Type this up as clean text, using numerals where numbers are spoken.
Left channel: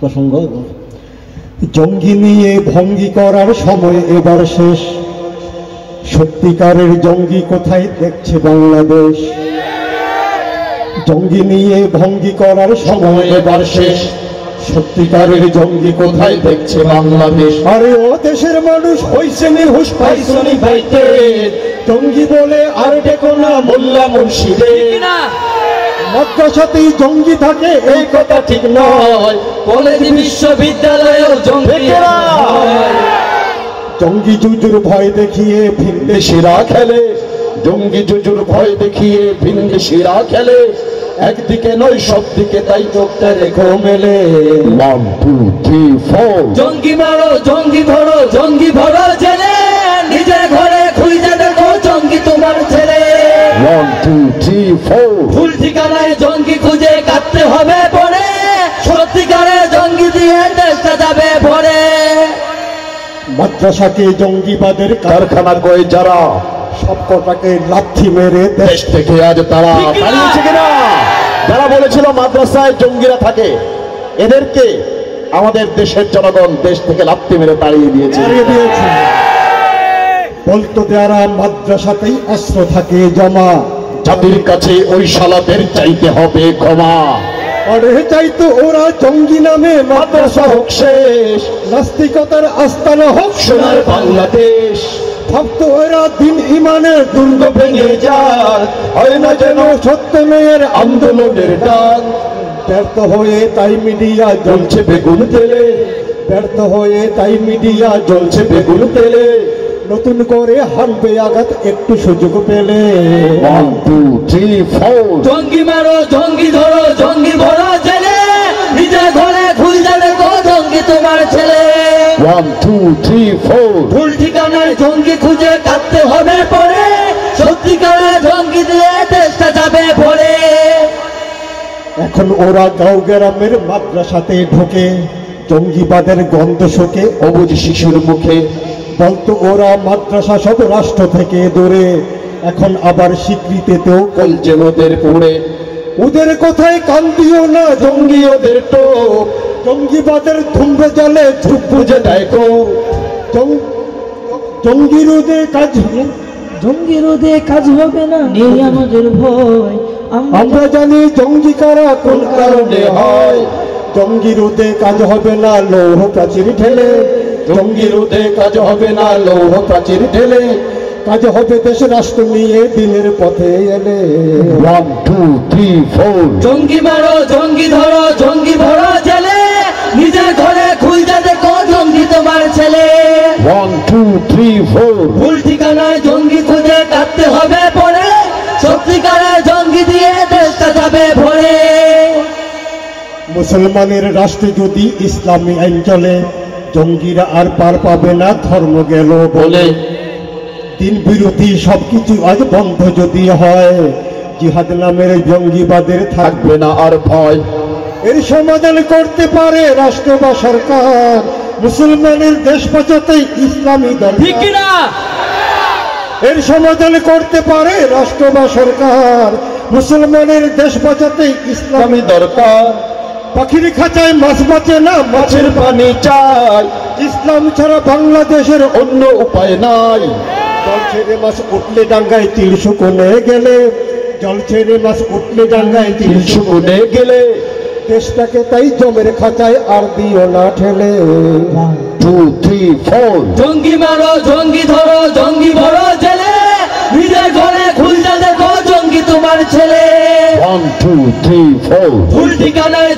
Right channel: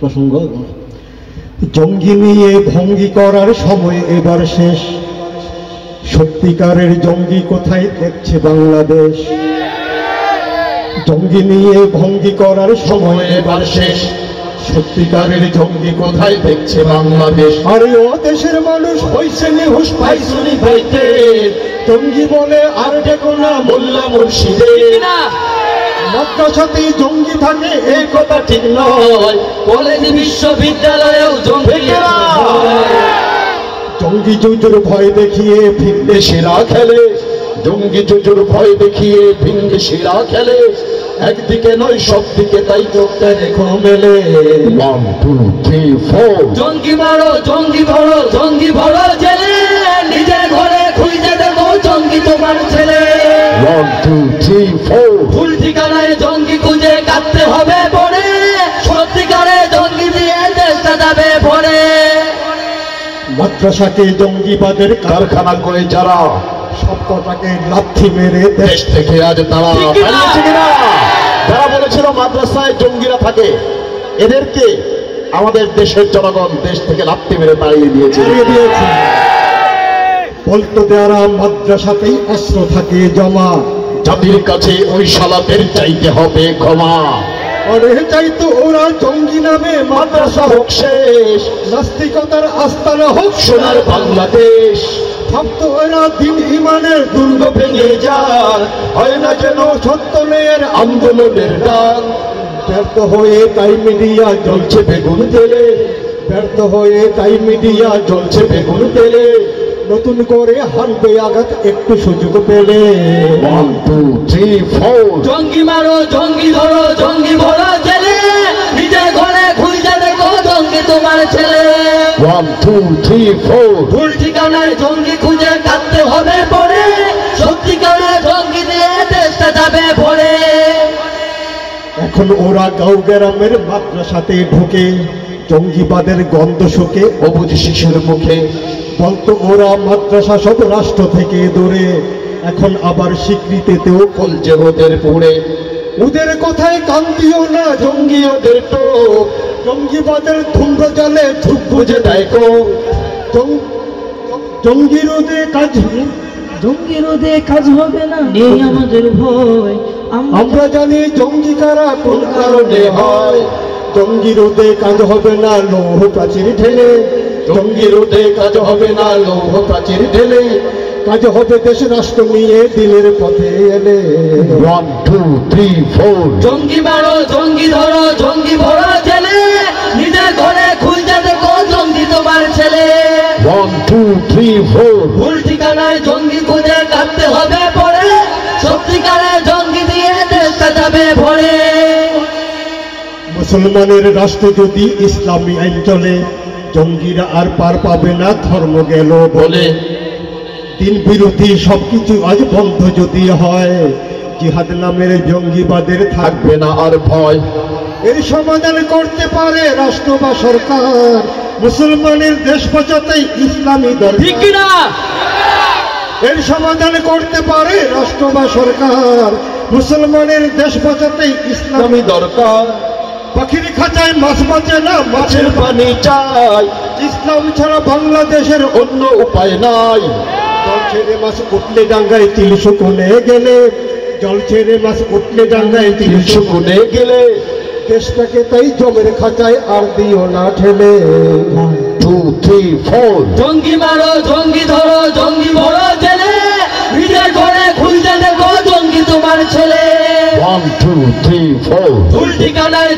প্রসঙ্গ। জঙ্গি নিয়ে ভঙ্গি করার সময় এবার শেষ, সত্যিকারের জঙ্গি কোথায় দেখছে বাংলাদেশ। জঙ্গি নিয়ে ভঙ্গি করার সময় এবার শেষ, সত্যিকারের জঙ্গি কোথায় দেখছে বাংলাদেশ। আরে ও দেশের মানুষ হইছে নির্হুশ পাইছনি বইতে, জঙ্গি বলে আর দেখো না মোল্লা মুর্শিদে। মাদ্রাসাতেই জঙ্গি থাকে এই কথা ঠিক নয়, কলেজ বিশ্ববিদ্যালয়ের জঙ্গি। জঙ্গি জুজুর ভয় দেখিয়ে ভিনদেশিরা খেলে, জঙ্গি জুজুর ভয় দেখিয়ে ভিনদেশিরা খেলে। একদিকে নয় সব দিকে তাই চোখটা রেখো মেলে। 1 2 3 4 জঙ্গি মারো জঙ্গি ধরো জঙ্গি ভরো জেলে, নিজের ঘরে খুঁজে দেখো জঙ্গি তোমার ছেলে। 1 2 3 4 ভুল ঠিকানায় জঙ্গি খুঁজে কাটতে হবে পড়ে, সত্যিকারের জঙ্গি দিয়ে দেশটা যাবে ভরে। মাদ্রাসাকে জঙ্গিবাদের কারখানা করে যারা, সত্যটাকে লাথি মেরে দেশ থেকে আজ তারা পালিয়েছে কিনা? যারা বলেছিল মাদ্রাসায় জঙ্গিরা থাকে, এদেরকে আমাদের দেশের জনগণ দেশ থেকে লাথি মেরে তাড়িয়ে দিয়েছে। বলতো যারা মাদ্রাসাতেই অস্ত্র থাকে জমা, জাতির কাছে ওই শালাদের চাইতে হবে ক্ষমা। আরে চাইতো ওরা জঙ্গি নামে মাদ্রাসা হোক শেষ, নাস্তিকতার আস্তানা হোক সোনার বাংলাদেশ। ভাবতো ওরা দিন ইমানের দুর্গ ভেঙে যায়, হয় না যেন সত্য মেয়ের আন্দোলনের ডাক। ব্যর্থ হয়ে তাই মিডিয়া জ্বলছে বেগুন তেলে, ব্যর্থ হয়ে তাই মিডিয়া জ্বলছে বেগুন তেলে। নতুন করে হানবে আঘাত একটু সুযোগ পেলে। 1 2 3 4 জঙ্গি মারো জঙ্গি ধরো জঙ্গি ভরো জেলে, নিজের ঘরে খুঁজে দেখো জঙ্গি তোমার ছেলে। 1 2 3 4 ভুল ঠিকানায় জঙ্গি খুঁজে কাটতে হবে পড়ে, সত্যিকারের জঙ্গি দিয়ে দেশটা যাবে ভরে। এখন ওরা গাঁও গ্রামের মাদ্রাসাতে ঢোকে, জঙ্গিবাদের গন্ধ শোকে অবুঝ শিশুর মুখে। বলতো ওরা মাদ্রাসা সব রাষ্ট্র থেকে দূরে, এখন আবার স্বীকৃতিতেও কলজে ওদের পড়ে। ওদের কথায় কান দিও না জঙ্গি ওদের তো, জঙ্গিবাদের ধুম্বে জলে ঝুপ বুঝে দেয় তো। জঙ্গি রোধে কাজ, জঙ্গি রোধে কাজ হবে না, নেই আমাদের ভয়। আমরা জানি জঙ্গি কারা কোন কারণে হয়। জঙ্গি রোধে কাজ হবে না লৌহ প্রাচীর ঠেলে, জঙ্গি রোধে কাজ হবে না লৌহ প্রাচীর ঠেলে। কাজ হবে দেশ রাষ্ট্র নিয়ে দিনের পথে এলে। 1 2 3 4 জঙ্গি মারো জঙ্গি ধরো জঙ্গি ভরো জেলে, নিজের ঘরে খুঁজে দেখো জঙ্গি তোমার ছেলে। 1 2 3 4 ভুল ঠিকানায় জঙ্গি খুঁজে কাটতে হবে পড়ে, সত্যিকারের জঙ্গি দিয়ে দেশটা যাবে ভরে। মুসলমানের রাষ্ট্রে যদি ইসলামী আইন চলে, জঙ্গিরা আর পার পাবে না ধর্ম গেল বলে। দিন বিরোধী সবকিছু আজ বন্ধ যদি হয়, জিহাদ নামের জঙ্গিবাদের থাকবে না আর ভয়। এর সমাধান করতে পারে রাষ্ট্র বা সরকার, মুসলমানের দেশ বাঁচাতে ইসলামী ঠিক দরকার। না? এর সমাধান করতে পারে রাষ্ট্র বা সরকার, মুসলমানের দেশ বাঁচাতে ইসলামী দরকার। পাখির খাঁচায় মাছ বাঁচে না, মাছের পানি চাই। ইসলাম ছাড়া বাংলাদেশের অন্য উপায় নাই। জল ছেড়ে মাছ উঠলে ডাঙ্গায় তিল শুকনে গেলে, জল ছেড়ে মাছ উঠলে ডাঙ্গায় তিল শুকনে গেলে। দেশটাকে তাই জমের খাঁচায় আর দিও না ঠেলে। 1 2 3 4 জঙ্গি মারো জঙ্গি ধরো জঙ্গি ভরো জেলে, নিজের ঘরে খুঁজে দেখো জঙ্গি তোমার ছেলে। 1 2 3 4 ভুল ঠিকানায়